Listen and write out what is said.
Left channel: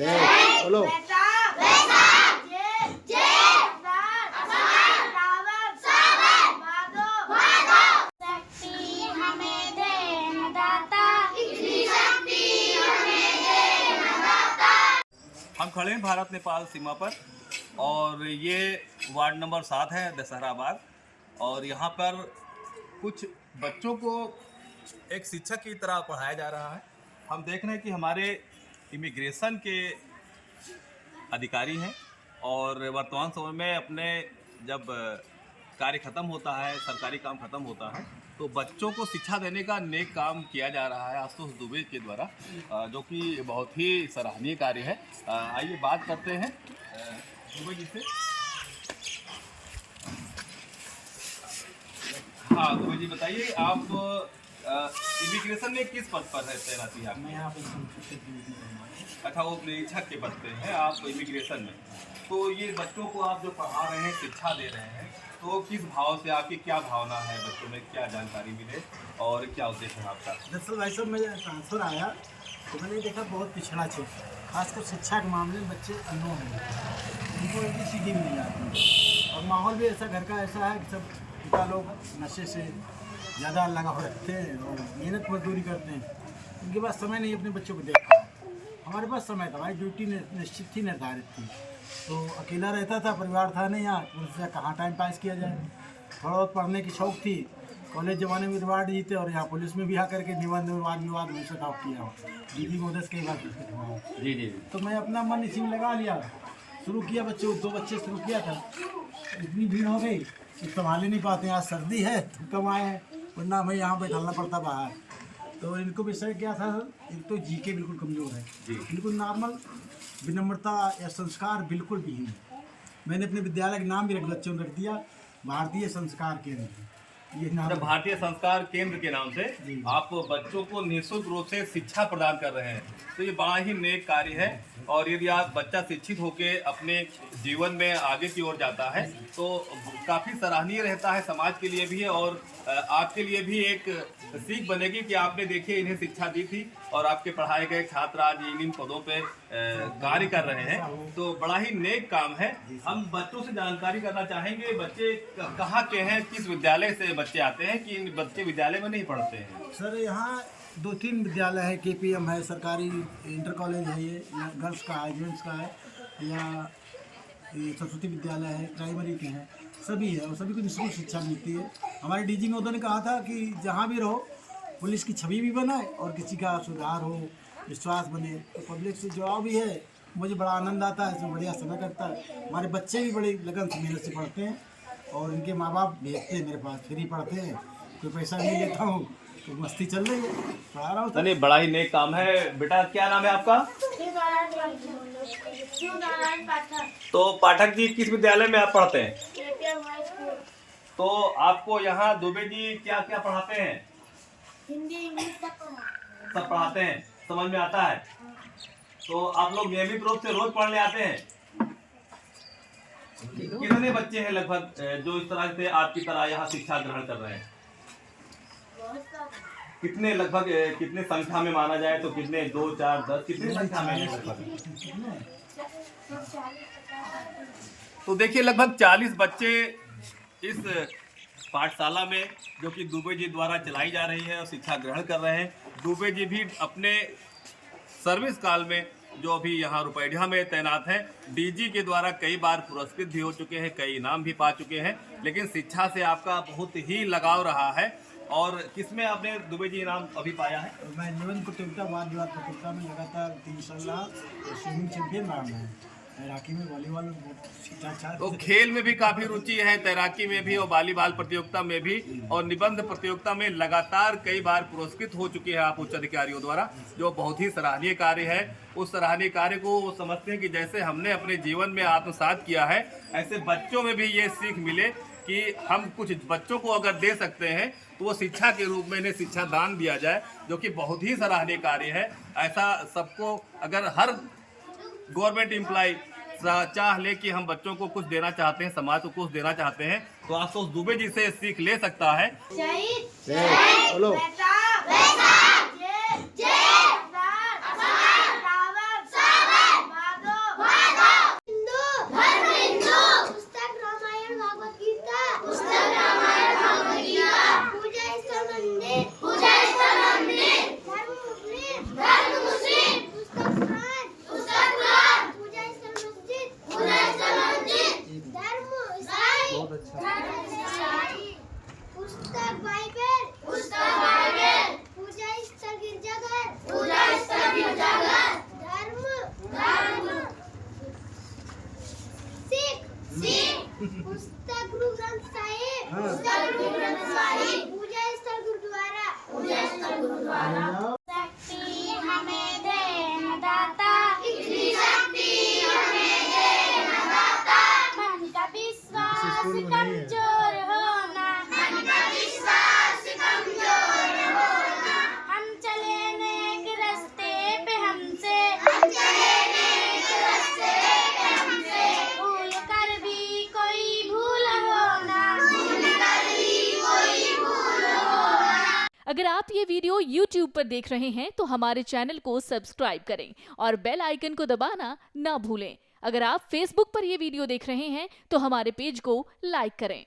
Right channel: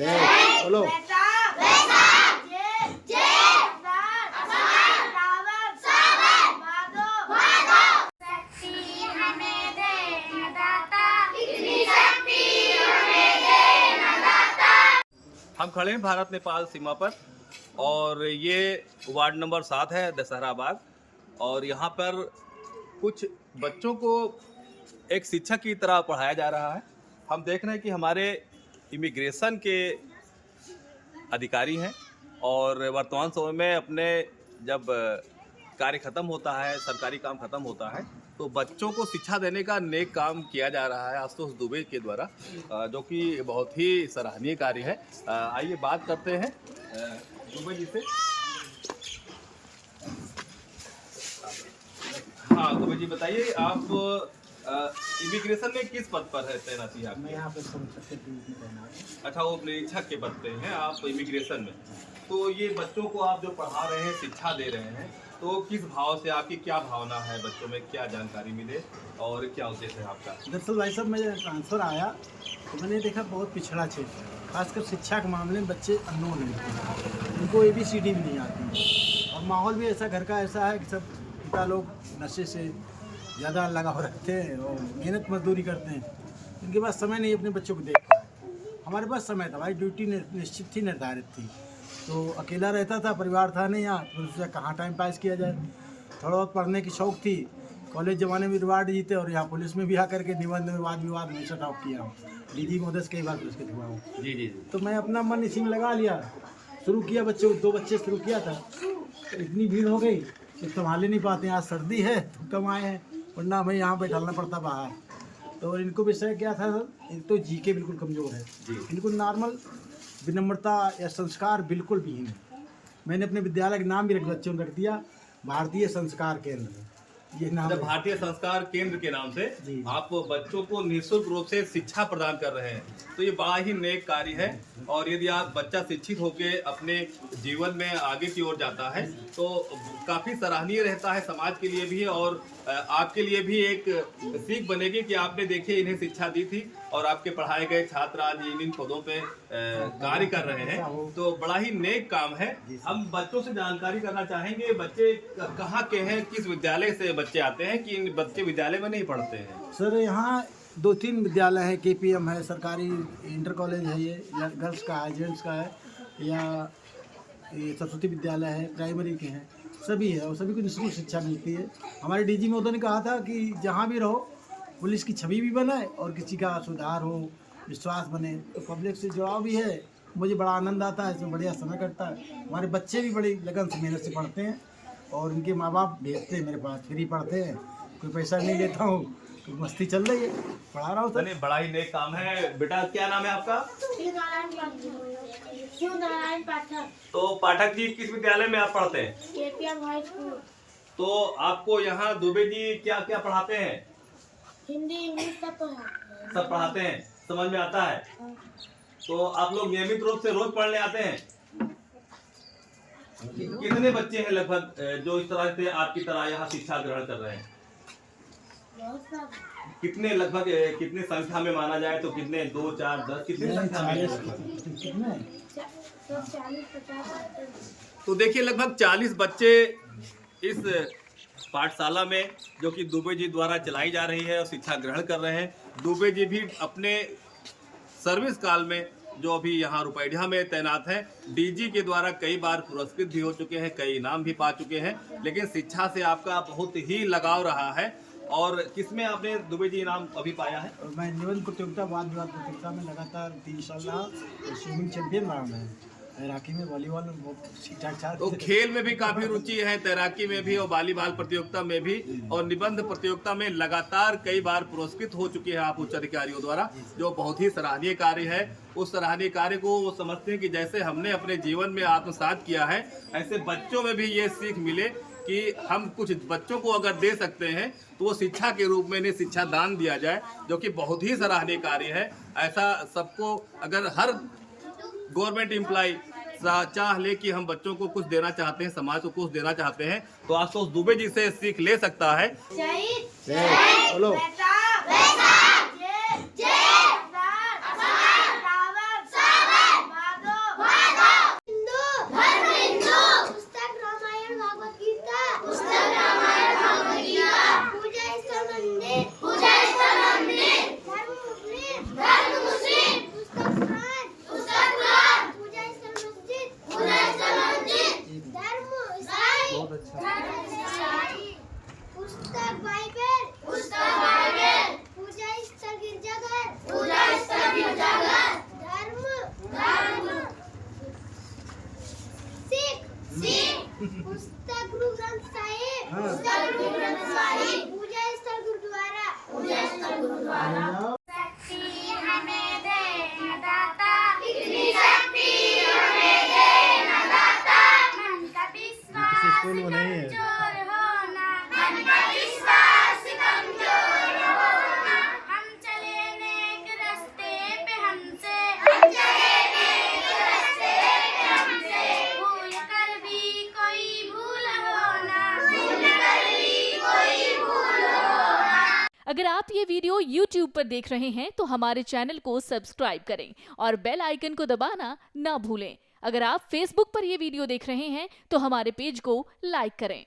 बोलो। हम खड़े हैं भारत नेपाल सीमा पर और ये वार्ड नंबर 7 है दशहराबाद। और यहाँ पर कुछ बच्चों को एक शिक्षक की तरह पढ़ाया जा रहा है। हम देख रहे हैं कि हमारे इमिग्रेशन के अधिकारी हैं और वर्तमान समय में अपने जब कार्य ख़त्म होता है, सरकारी काम ख़त्म होता है, तो बच्चों को शिक्षा देने का नेक काम किया जा रहा है आशुतोष दुबे के द्वारा, जो कि बहुत ही सराहनीय कार्य है। आइए बात करते हैं दुबे जी से। हाँ दुबे जी, बताइए आप इमिग्रेशन में किस पद पर है तैनाती आप? मैं यहाँ पर संरक्षक के ड्यूटी में तैनात हूँ। अच्छा, वो निरीक्षक के पद पे हैं आप इमिग्रेशन में। तो ये बच्चों को आप जो पढ़ा रहे हैं, शिक्षा दे रहे हैं, तो किस भाव से, आपकी क्या भावना है, बच्चों में क्या जानकारी मिले और क्या उद्देश्य है आपका? दरअसल भाई साहब, मैं ट्रांसफ़र आया तो मैंने देखा बहुत पिछड़ा क्षेत्र है, खासकर शिक्षा के मामले में बच्चे अननोन हैं, उनको ABCD भी नहीं आती और माहौल भी ऐसा घर का ऐसा है कि सब पिता लोग नशे से ज़्यादा लगाव रखते हैं और मेहनत मजदूरी करते हैं। उनके पास समय नहीं अपने बच्चों को देखना है। हमारे पास समय था भाई, ड्यूटी निश्चित थी, निर्धारित थी, तो अकेला रहता था, परिवार था नहीं यहाँ, तो उससे कहाँ टाइम पास किया जाए। थोड़ा बहुत पढ़ने की शौक़ थी, कॉलेज ज़माने में रिवार्ड जीते और यहाँ पुलिस में भी आकर के निबंध में वाद विवाद में से टॉप किया हूँ, DG महोदय से कई बार पुरस्कृत हुआ हूँ। जी। तो मैं अपना मन इसी में लगा लिया, शुरू किया, बच्चों 2 बच्चे शुरू किया था, तो इतनी भीड़ हो गई कि संभाल ही नहीं पाते। आज सर्दी है तो कम आए हैं, वरना हमें यहाँ बैठाना पड़ता बाहर। तो इनको विषय क्या था, एक तो GK बिल्कुल कमज़ोर है, बिल्कुल नॉर्मल, विनम्रता या संस्कार बिल्कुल भी नहीं। मैंने अपने विद्यालय का नाम भी बच्चों को रख दिया भारतीय संस्कार केंद्र, ये नाम। जब भारतीय संस्कार केंद्र के नाम से आप बच्चों को निःशुल्क रूप से शिक्षा प्रदान कर रहे हैं, तो ये बड़ा ही नेक कार्य है। और यदि आप बच्चा शिक्षित होकर अपने जीवन में आगे की ओर जाता है तो काफ़ी सराहनीय रहता है, समाज के लिए भी और आपके लिए भी एक सीख बनेगी कि आपने देखिए इन्हें शिक्षा दी थी और आपके पढ़ाए गए छात्र आज इन पदों पे कार्य कर रहे हैं, तो बड़ा ही नेक काम है। हम बच्चों से जानकारी करना चाहेंगे, बच्चे कहाँ के हैं, किस विद्यालय से बच्चे आते हैं कि इन बच्चे विद्यालय में नहीं पढ़ते हैं? सर यहाँ 2-3 विद्यालय है, KPM है, सरकारी इंटर कॉलेज है, ये या गर्ल्स का है, जेंट्स का है, या ये सरस्वती विद्यालय है, प्राइमरी के हैं, सभी है और सभी को निःशुल्क शिक्षा मिलती है। हमारे DG महोदय ने कहा था कि जहाँ भी रहो पुलिस की छवि भी बनाए और किसी का सुधार हो, विश्वास बने, तो पब्लिक से जुड़ाव भी है। मुझे बड़ा आनंद आता है, इसमें बढ़िया समय कटता है। हमारे बच्चे भी बड़ी लगन से मेहनत से पढ़ते हैं और इनके माँ बाप भेजते हैं मेरे पास, फ्री पढ़ते हैं, कोई पैसा नहीं लेता हूँ, तो मस्ती चल रही है, पढ़ा रहा हूँ। चलिए, बड़ा ही नेक काम है। बेटा क्या नाम है आपका? तो पाठक जी, किस विद्यालय में आप पढ़ते हैं? KPM high school. तो आपको यहाँ दुबे जी क्या क्या पढ़ाते हैं? हिंदी इंग्लिश सब पढ़ाते हैं, समझ में आता है? तो आप लोग नियमित रूप से रोज पढ़ने आते हैं? कितने बच्चे हैं लगभग जो इस तरह से आपकी तरह यहाँ शिक्षा ग्रहण कर रहे हैं? कितने लगभग, कितने संख्या में माना जाए तो कितने, 2, 4, 10, कितने संख्या में लगभग? तो देखिए, लगभग 40 बच्चे इस पाठशाला में जो कि दुबे जी द्वारा चलाई जा रही है और शिक्षा ग्रहण कर रहे हैं। दुबे जी भी अपने सर्विस काल में जो अभी यहाँ रुपैडिया में तैनात हैं, DG के द्वारा कई बार पुरस्कृत भी हो चुके हैं, कई इनाम भी पा चुके हैं, लेकिन शिक्षा से आपका बहुत ही लगाव रहा है। और किसमें आपने दुबे जी इनाम अभी पाया है? मैं निबंध प्रतियोगिता, वाद विवाद प्रतियोगिता में लगातार 3 साल रहा, स्विमिंग चैंपियन रहा मैं, तैराकी में, वॉलीबॉल में शिक्षा। तो खेल में भी काफी रुचि है, तैराकी में भी और वॉलीबॉल प्रतियोगिता में भी, और निबंध प्रतियोगिता में लगातार कई बार पुरस्कृत हो चुके हैं आप उच्च अधिकारियों द्वारा, जो बहुत ही सराहनीय कार्य है। उस सराहनीय कार्य को वो समझते हैं कि जैसे हमने अपने जीवन में आत्मसात किया है, ऐसे बच्चों में भी ये सीख मिले कि हम कुछ बच्चों को अगर दे सकते हैं तो वो शिक्षा के रूप में इन्हें शिक्षा दान दिया जाए, जो कि बहुत ही सराहनीय कार्य है। ऐसा सबको, अगर हर गवर्नमेंट एम्प्लॉय चाह ले कि हम बच्चों को कुछ देना चाहते हैं, समाज को कुछ देना चाहते हैं, तो आशुतोष दुबे जी से सीख ले सकता है। बोलो। पूजा स्थल गुरुद्वारा शक्ति हमें दे दाता इतनी शक्ति हमें दे दाता मन का विश्वास कमजोर होना मन का विश्वास कमजोर होना हम चले नेक रास्ते पे हमसे भूल कर भी कोई भूल होना अगर आप ये वीडियो YouTube पर देख रहे हैं तो हमारे चैनल को सब्सक्राइब करें और बेल आइकन को दबाना ना भूलें। अगर आप Facebook पर ये वीडियो देख रहे हैं तो हमारे पेज को लाइक करें।